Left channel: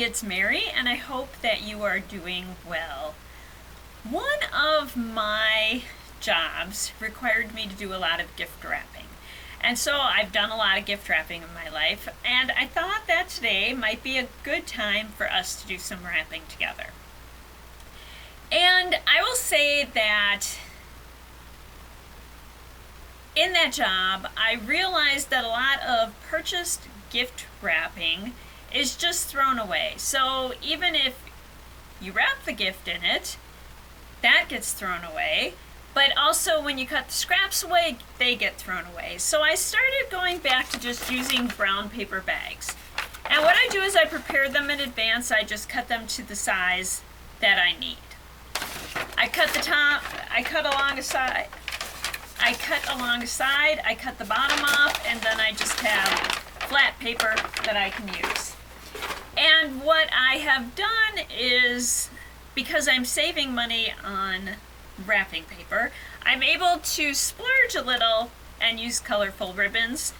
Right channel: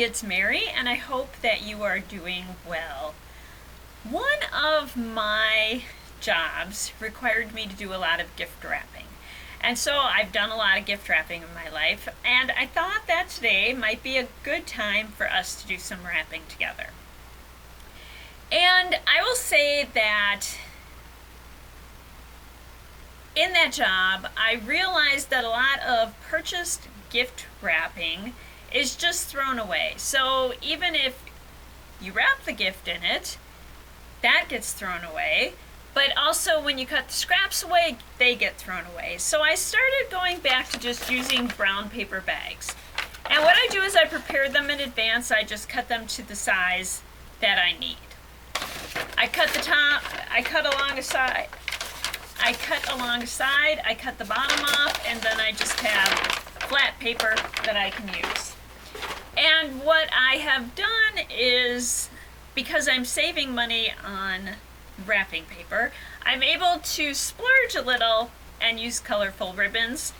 it's Mary, and I hope that you are doing well. One of my jobs required me to do a lot of gift wrapping. And so I've done a lot of gift wrapping in my life, and I thought that today might be a good time for us to do some wrapping together. And I will say that in that job, I realized that a lot of purchased gift wrapping is just thrown away. So even if you wrap the gift in it, that gets thrown away. But also when you cut the scraps away, they get thrown away. So I started going back to just using brown paper bags. And what I do is I prepare them in advance. I just cut them to the size that I need. I cut the top, I cut along a side, I cut the bottom off, and then I just have flat paper that I can use. And what I have done is, because I'm saving money on wrapping paper, I'm able to splurge a little and use colorful ribbons.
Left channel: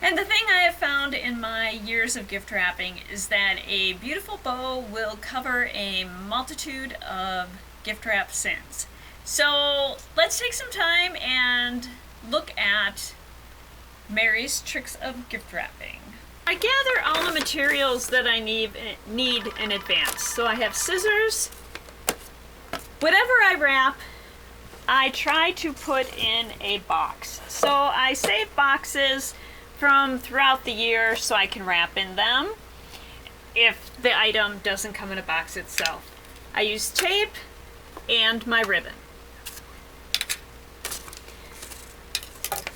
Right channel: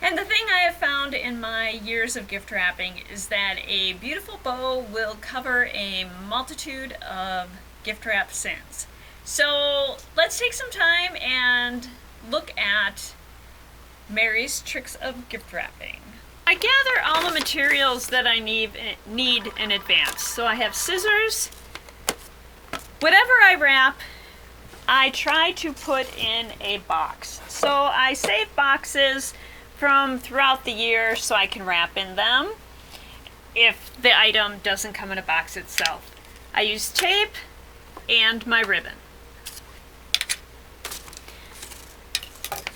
And the thing I have found in my years of gift wrapping is that a beautiful bow will cover a multitude of gift wrap sins. So let's take some time and look at Mary's tricks of gift wrapping. I gather all the materials that I need in advance. So I have scissors. Whatever I wrap, I try to put in a box. So I save boxes from throughout the year so I can wrap in them if the item doesn't come in a box itself. I use tape and my ribbon.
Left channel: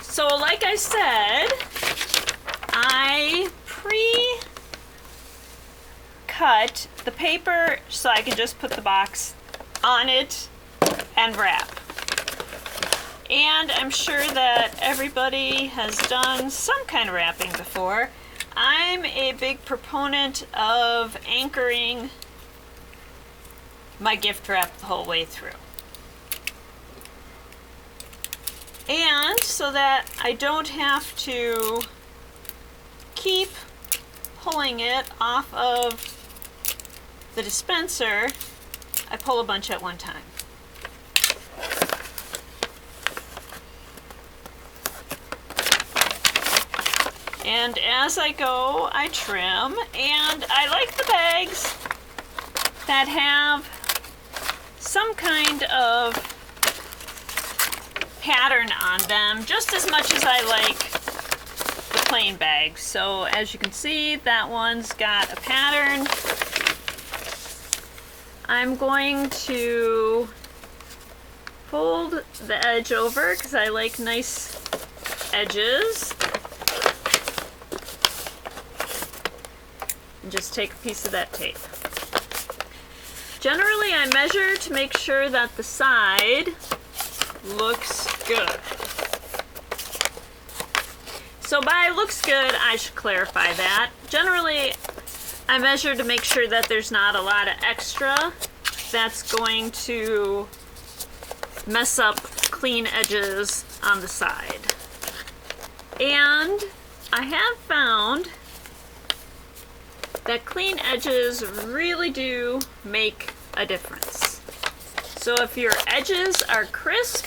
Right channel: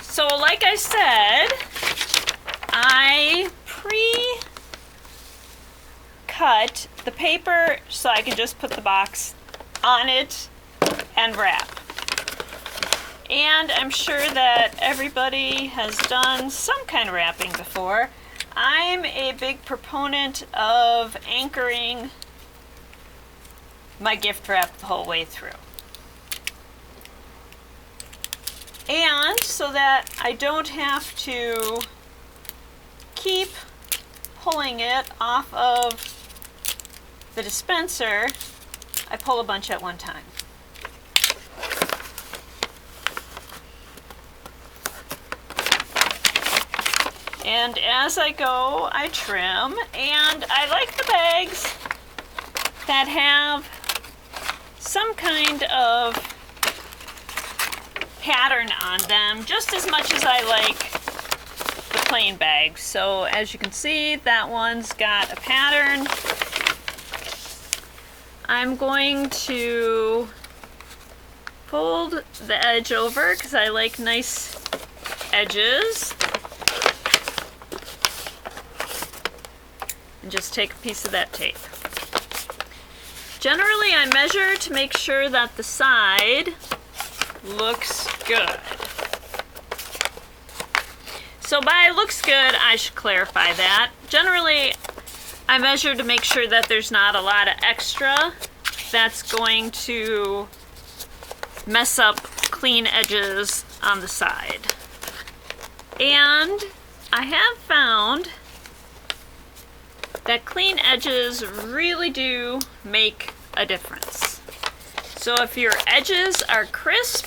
So like I said, I pre-cut the paper so I can just put the box on it and wrap. And I'm sure that everybody has done some kind of wrapping before. I'm a big proponent of anchoring my gift wrap the whole way through. And so that I don't have to keep pulling it off of the dispenser, I pull a bunch at one time. And as I go, I trim, and I like the bags that have some kind of pattern on them, just as much as I like the plain bags. So as you can see, that one's got a pattern. I'm going to fold the edge over because I like nice edges. And just take a piece of that tape. Generally, I measure to make sure that the side looks good. So by looks good, I should clarify that. Generally, I measure to make sure that there's not a lot of extra that's going to mess up clean edges on the side. And I have found that clean edges really do make a difference. So if your edges are crisp,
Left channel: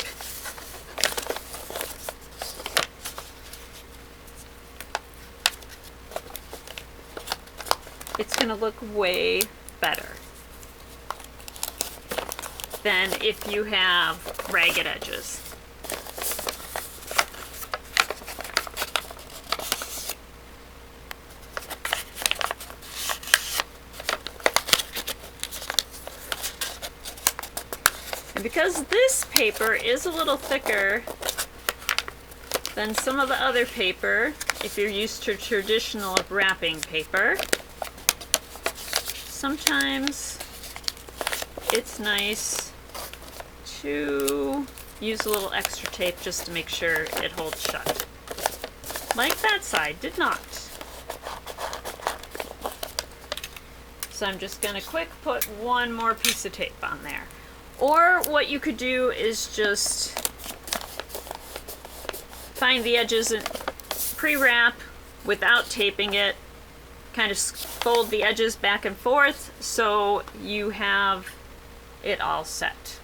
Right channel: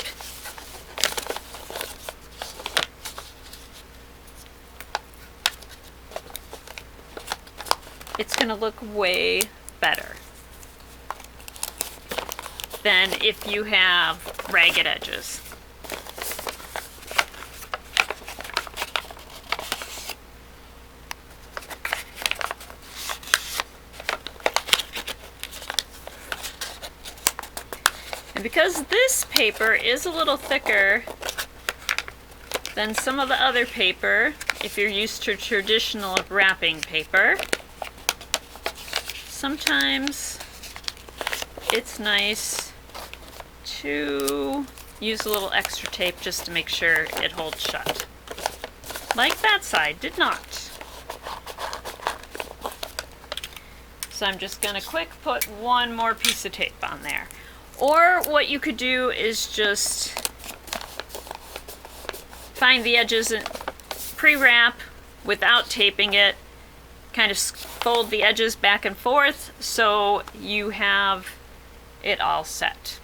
it's going to look way better than if you have ragged edges. And because this paper is a little thicker than some of the other paper, if you're used to traditional wrapping paper, sometimes it's nice to use a little extra tape just to make sure it holds shut. Like that side did not. So I'm just going to quick put one more piece of tape on there. Or what you could do is just find the edges and pre-wrap without taping it kind of fold the edges back and forth so you have it all set.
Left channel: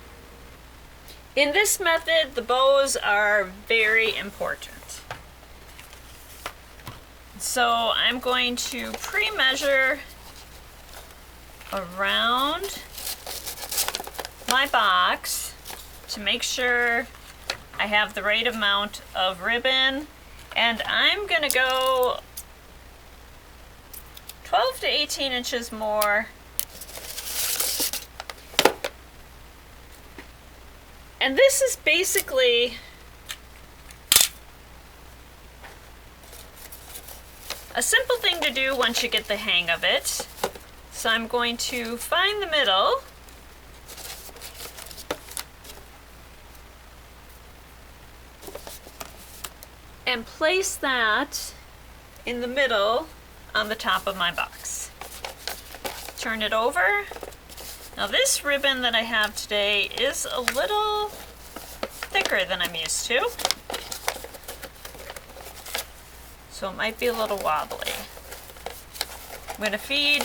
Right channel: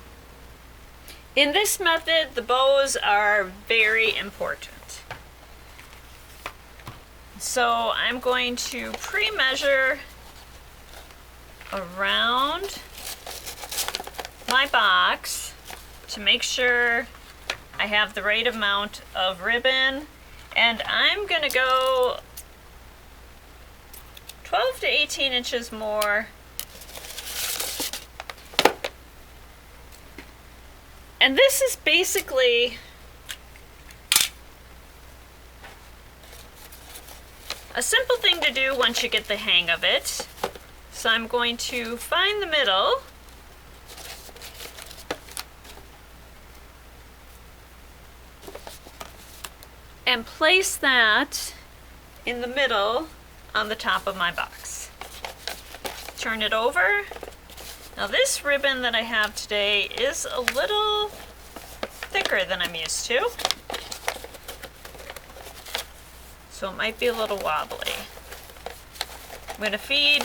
In this method, the bows are very important. So I'm going to pre-measure around my box to make sure I have the right amount of ribbon, and I'm gonna go 12 to 18 inches more. And this is basically a simple thing to do once you get the hang of it. So I'm going to find the middle. And place that in the middle on the top of my box. Turn it over. Now this ribbon that I have today is a little thicker than I'm used to, so it might be a little wobbly. I'm going to feed,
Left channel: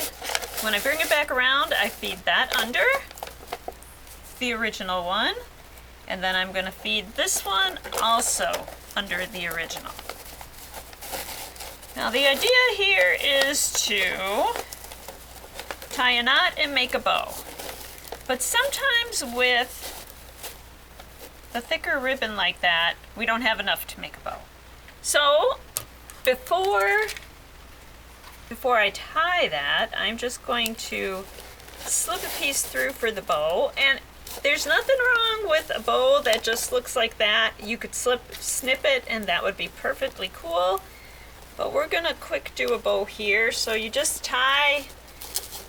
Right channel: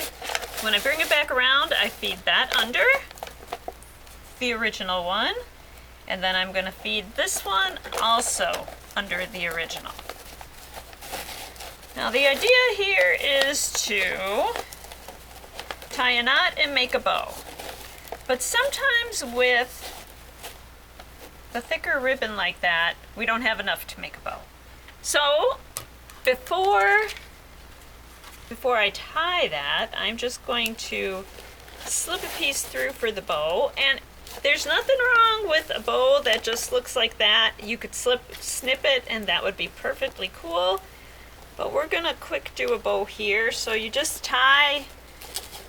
when I bring it back around, I feed that under the original one, and then I'm going to feed this one also under the original. Now the idea here is to tie a knot and make a bow. But sometimes with the thicker ribbon like that, we don't have enough to make a bow. So before I tie that, I'm just going to slip a piece through for the bow. And there's nothing wrong with a bow that just looks like that. You could snip it and that would be perfectly cool. But we're gonna quick do a bow here. So you just tie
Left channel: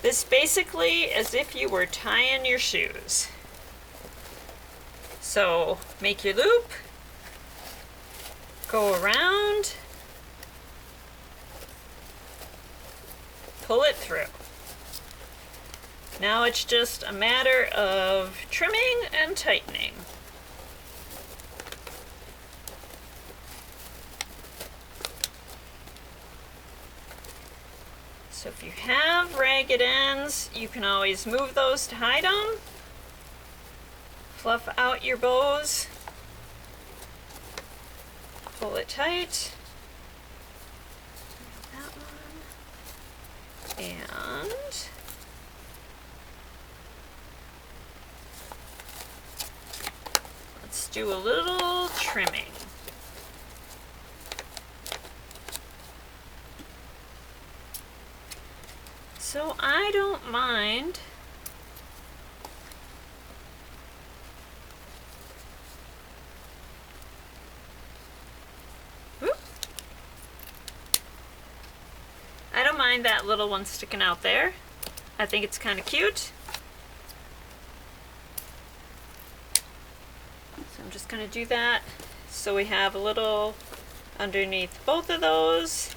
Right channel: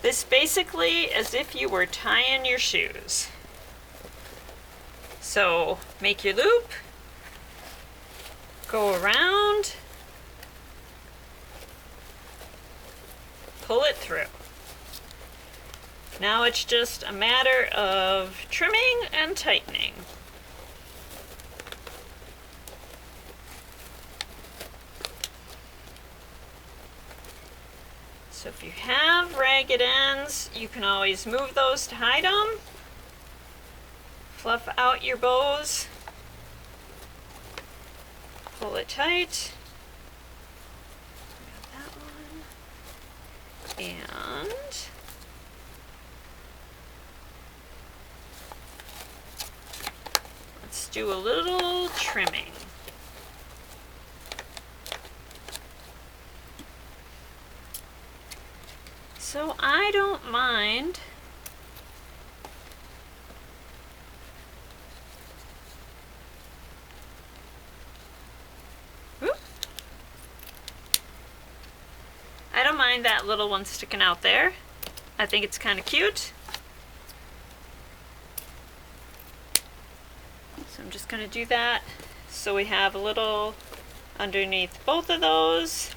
this basically as if you were tying your shoes. So make your loop, go around, pull it through. Now it's just a matter of trimming and tightening. So if you have ragged ends, you can always move those to hide them. Fluff out your bows. Pull it tight. That one. And let's do a little trimming. So I don't mind that little one sticking out there. I think it's kind of cute. So I'm just going to do that so we have a little underneath both of those.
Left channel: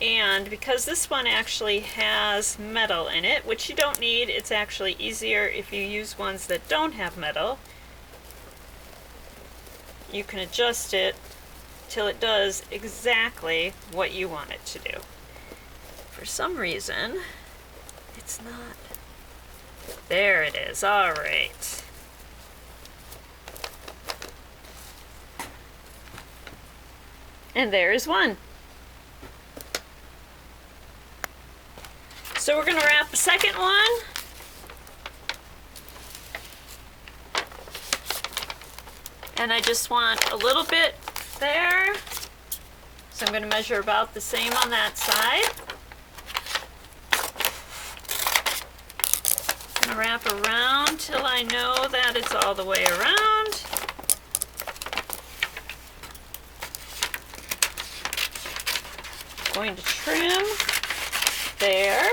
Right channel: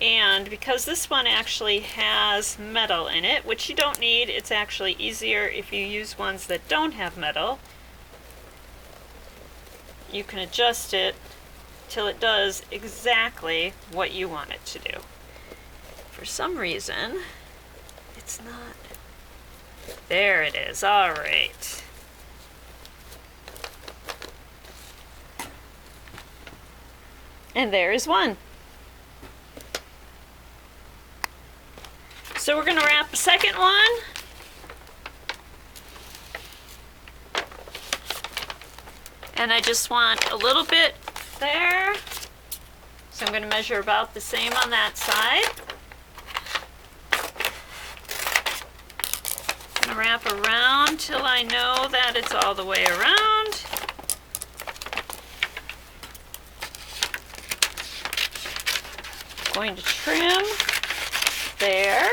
And because this one actually has metal in it, which you don't need, it's actually easier if you use ones that don't have metal. You can adjust it till it does exactly what you want it to do. For some reason, it's not. There it is. All right. And there is one. So we're going to wrap the second one. And I just want a little bit there. So I'm going to measure about the same on that side. I'm going to wrap around till I know that it's all the way around. Going to trim there.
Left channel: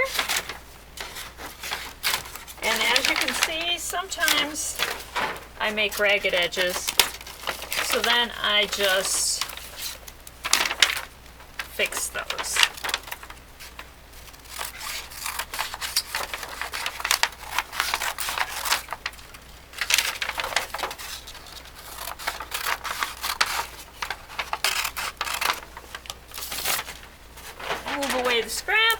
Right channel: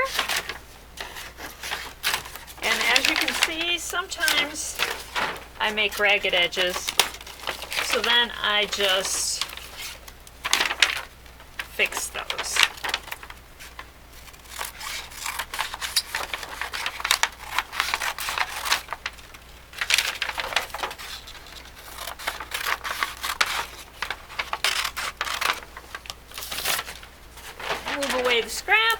And as you can see, sometimes I make ragged edges. So then I just fix those. Move away the scraps.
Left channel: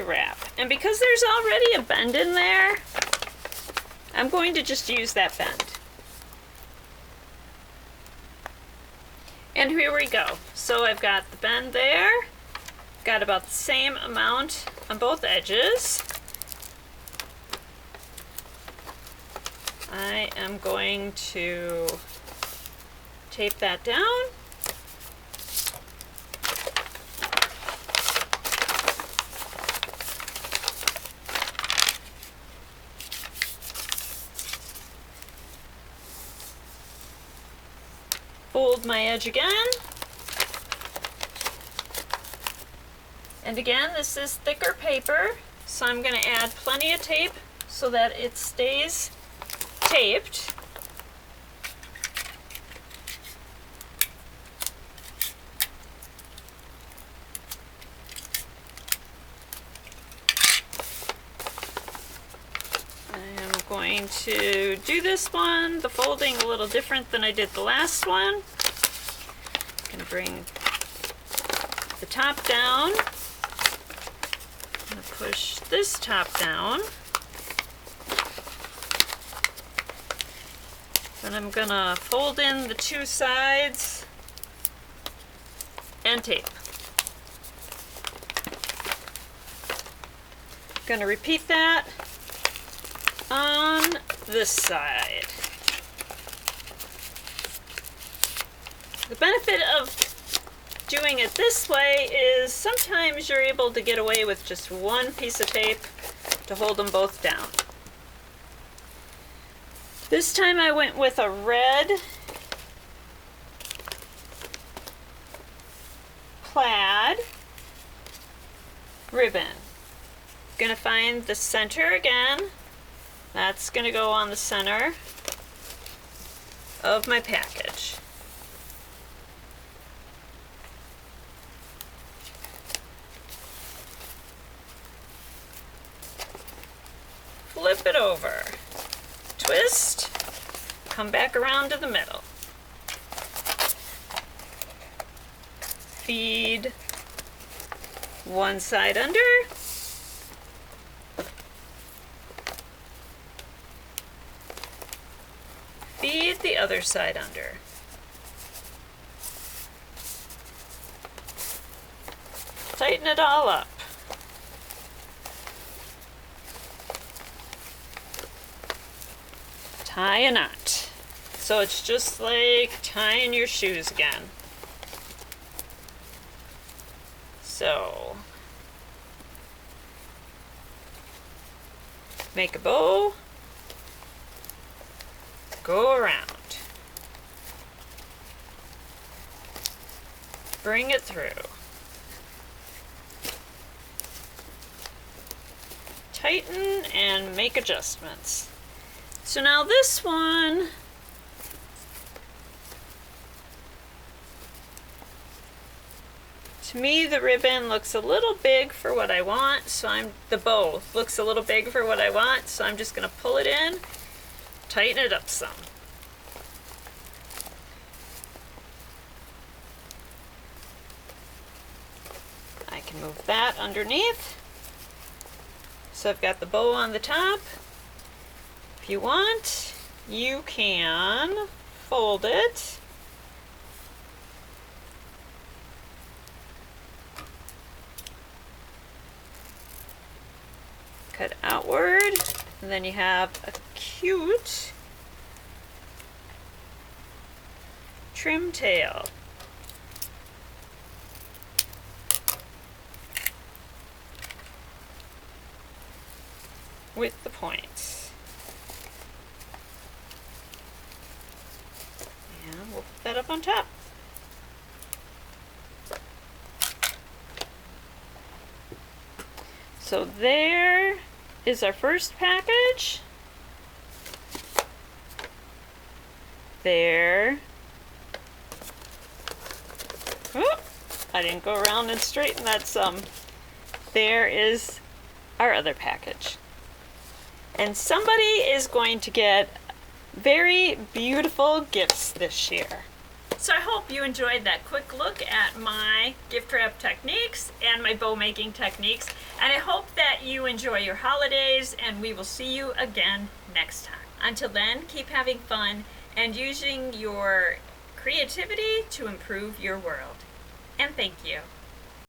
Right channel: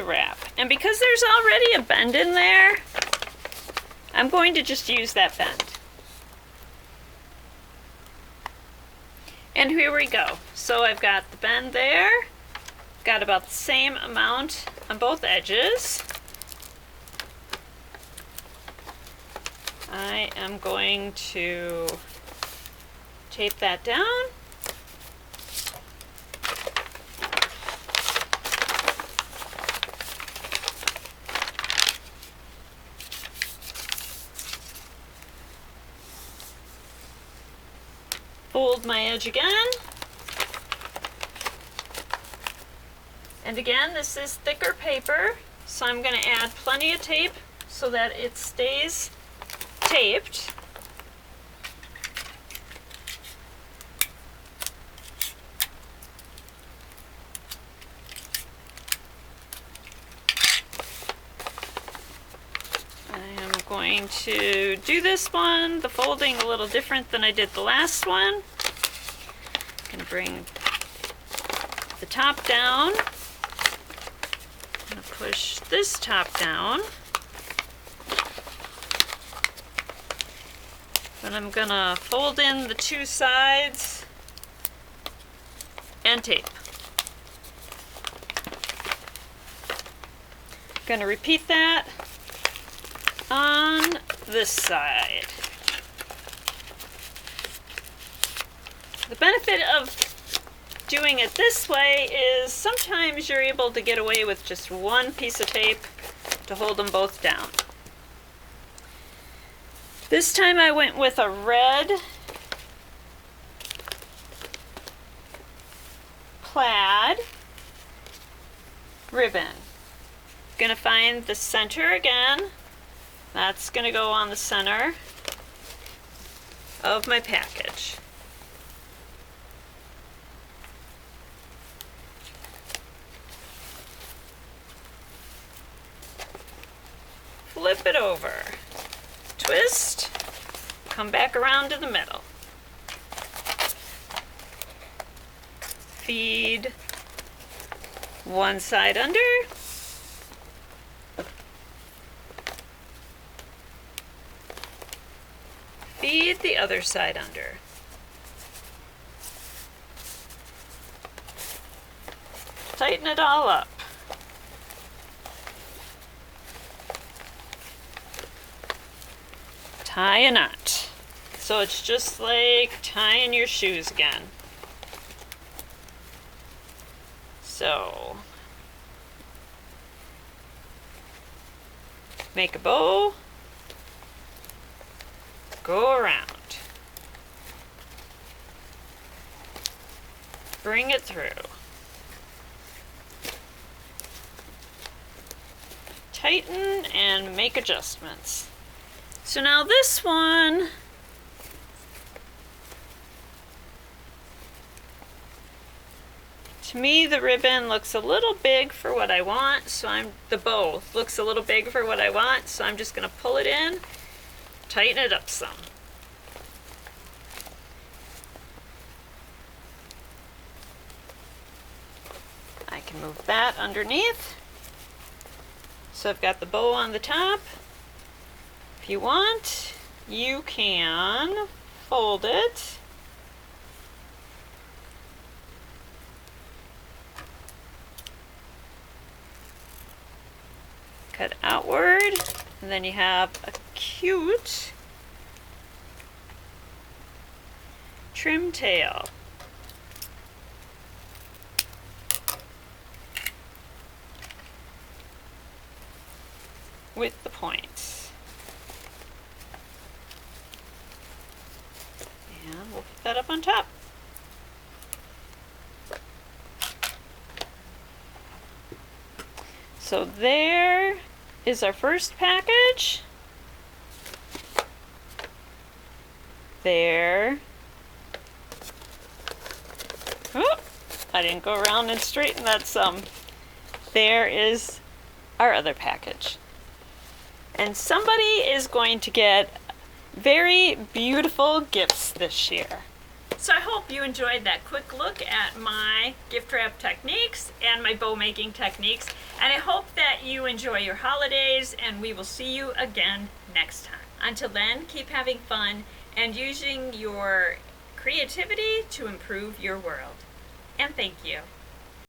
to wrap. And because there's already a bend in there, I'm going to just use that bend. And here we go. So I've got the bend there, got about the same amount on both edges. I am going to tape that down. Fold my edge again. And again, this is thicker paper, so I'm going to add plenty of tape so that it stays taped. I am going to do this one, the folding a little different than I did the last one. I'm going to bring the top down. I'm going to push this top down. Then I'm going to fold in the two sides and tape. Going to repeat that on this side. The benefit of doing it this way is sometimes you're able to get away with just one piece of tape to hold them both down. This time I went with a red plaid ribbon. Gonna find the center again. That's gonna go on the center of my package. Flip it over, twist, come back around to the middle. Feed one side under. Feed the other side under. Tighten it all up. Tie a knot. So it's just like tying your shoes again. So, make a bow, go around, bring it through, tighten and make adjustments. So now this one, to me the ribbon looks a little big for what I want, so the bow looks a little big for what I want, so I'm just going to pull it in, tighten it up some. I can move that underneath. So I've got the bow on the top. If you want, you can fold it. Cut outward, and then you have a cute trim tail. With the points. And we'll put that up on top. So there is our first package. There. Oh, I didn't go around and straighten that some. There is our other package. And somebody is going to get very beautiful gifts this year. So I hope you enjoyed that quick look at my gift wrap techniques and my bow making techniques. And I hope that you enjoy your holidays, and we will see you again next time. Until then, keep having fun and using your creativity to improve your world. And thank you.